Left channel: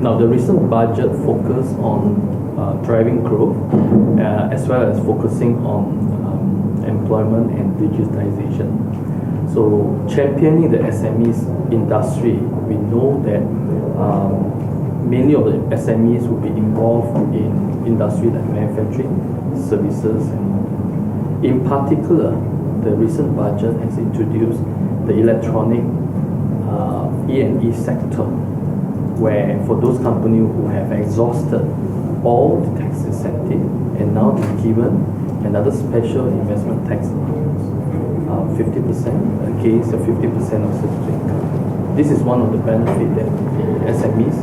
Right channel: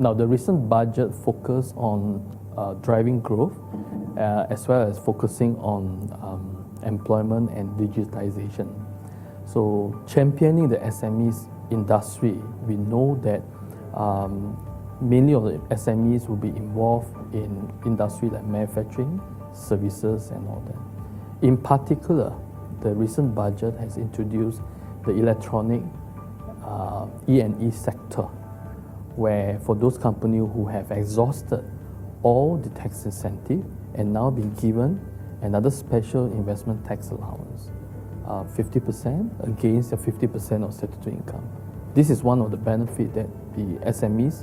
Now, the recent budget focused on driving growth as well as focusing on employment and digitization. So, championing the SMEs industry, we know that many of the SMEs will be involved in industry like manufacturing, services, and in particular, the recent budget has introduced the electronic E&E sector, where for those companies who have exhausted all the tax incentive and now be given another special investment tax allowance, 50% against the 50% of certificate income. This is one of the benefits that the SMEs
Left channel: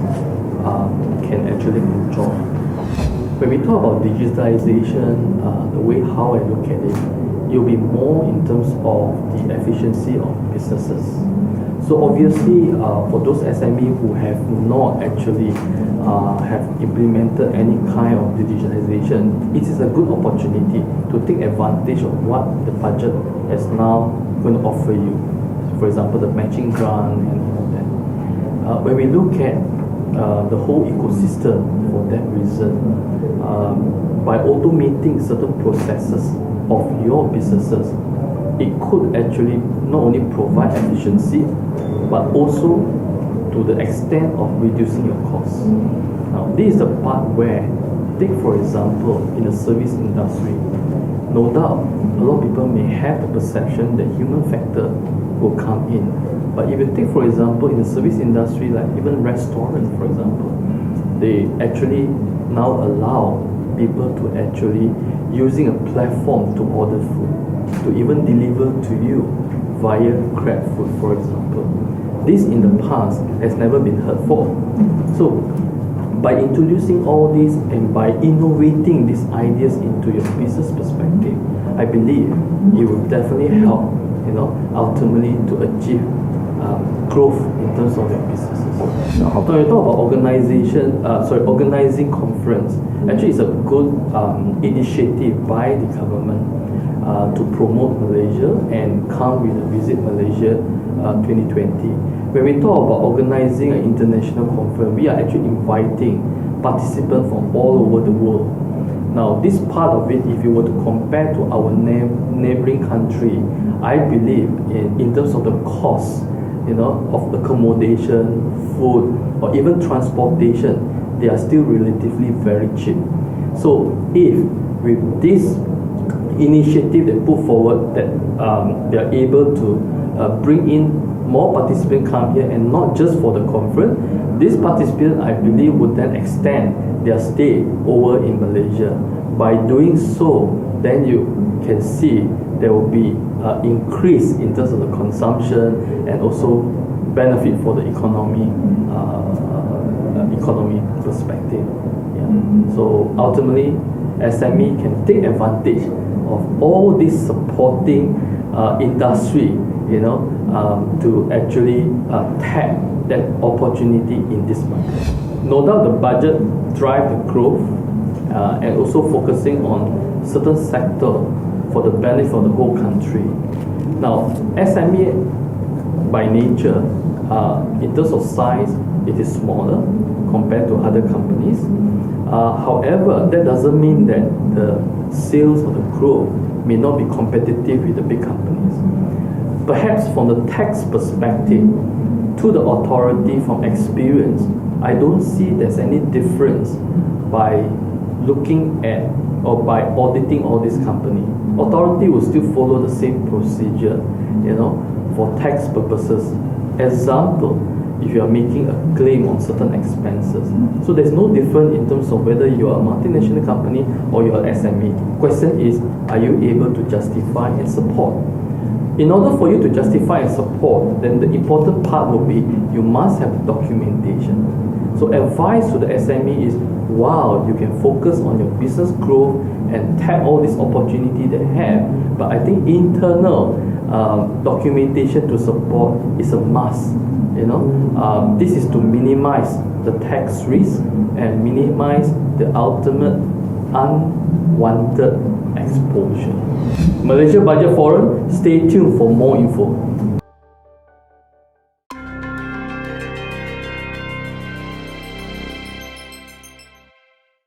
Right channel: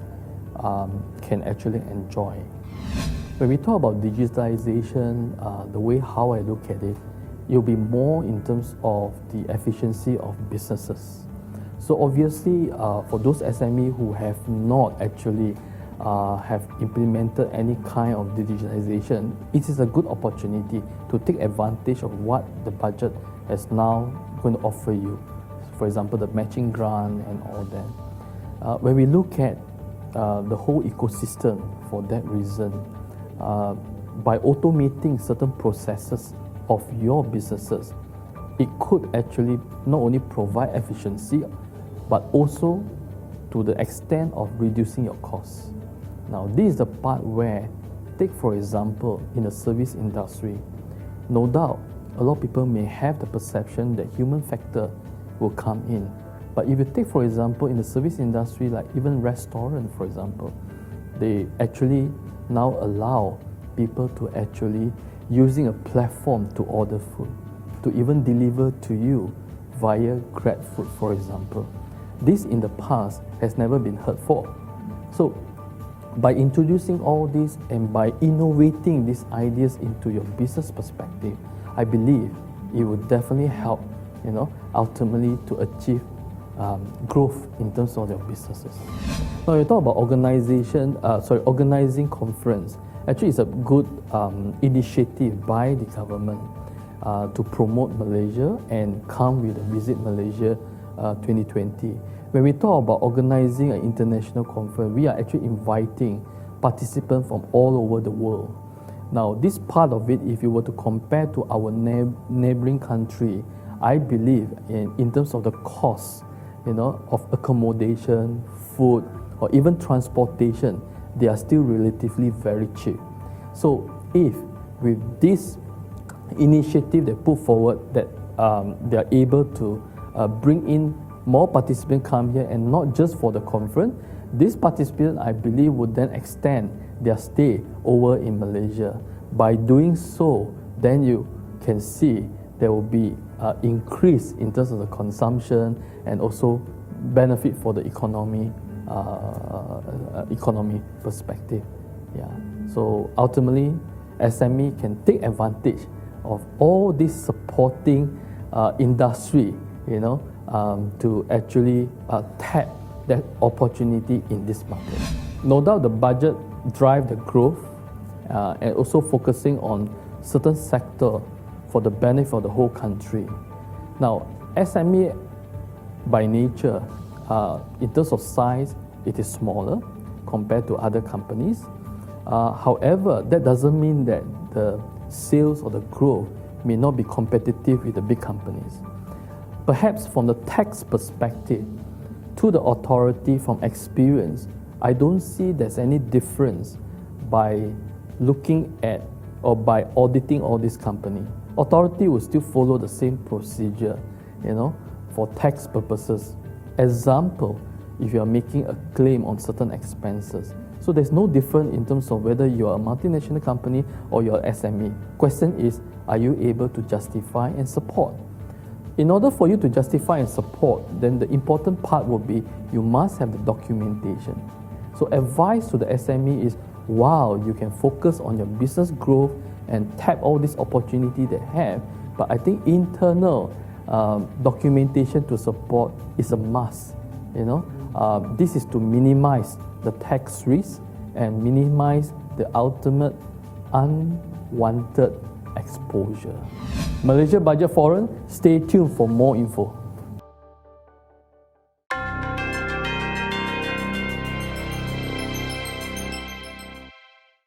can actually enjoy. When we talk about digitalization, the way how I look at it, it will be more in terms of the efficiency of businesses. So obviously, for those SME who have not actually have implemented any kind of digitalization, it is a good opportunity to take advantage of what the budget is now going to offer you. So for example, the matching grant and all of that. When we look at the whole ecosystem for that reason, by automating certain processes of your businesses, it could actually not only provide efficiency, but also to the extent of reducing your costs. Now, this is the part where, take for example, in the service industry, no doubt, a lot of people may have the perception that human factor will come in. But if you take, for example, in the service industry, like even restaurants, for example, they actually now allow people to actually using a platform to order food, to even deliver to you via Grab food, for example. This in the past has never been heard for. So by introducing all this and by innovating these ideas into your business perspective, I believe it will definitely help, ultimately to achieve growth in terms of your businesses. Now you talk about organizing conference. Actually, it's a good initiative by the government to promote Malaysia and come with a Visit Malaysia 2020. When we talk about organizing an international conference, we are actually inviting participants from all over the world. Now, this part of it, if you were to compare to our neighboring country, I believe in terms of the cost, of accommodation, food, or even transportation, they are still relatively very cheap. So, if with this initiative they put forward that they are able to bring in more participants come here, and not just for the conference, these participants, I believe, would then extend their stay over in Malaysia. By doing so, then you can see there will be increase in terms of the consumption and also benefit for the economy perspective. Yeah. So ultimately, SME can take advantage of all this supporting industry, to actually tap that opportunity in this market. No doubt the budget drive the growth and also focusing on certain sector for the benefit of the whole country. Now, SME by nature, in terms of size, it is smaller compared to other companies. However, that doesn't mean that the sales or the growth may not be competitive with the big companies. Perhaps from the tax perspective, to the authority from experience, I don't see there's any difference by looking at or by auditing all these companies. Authority will still follow the same procedure, for tax purposes. Example, if you are making a claim on certain expenses. So there's no difference in terms of whether you are a multinational company or you are SME. Question is, are you able to justify and support? In order for you to justify and support, then the important part will be you must have documentation. So advice to the SME is, wow, you can focus on your business growth and tap all this opportunity they have. But I think internal documentation to support is a must. This is to minimize the tax risk and minimize the ultimate unwanted exposure. Malaysia Budget Forum, stay tuned for more info.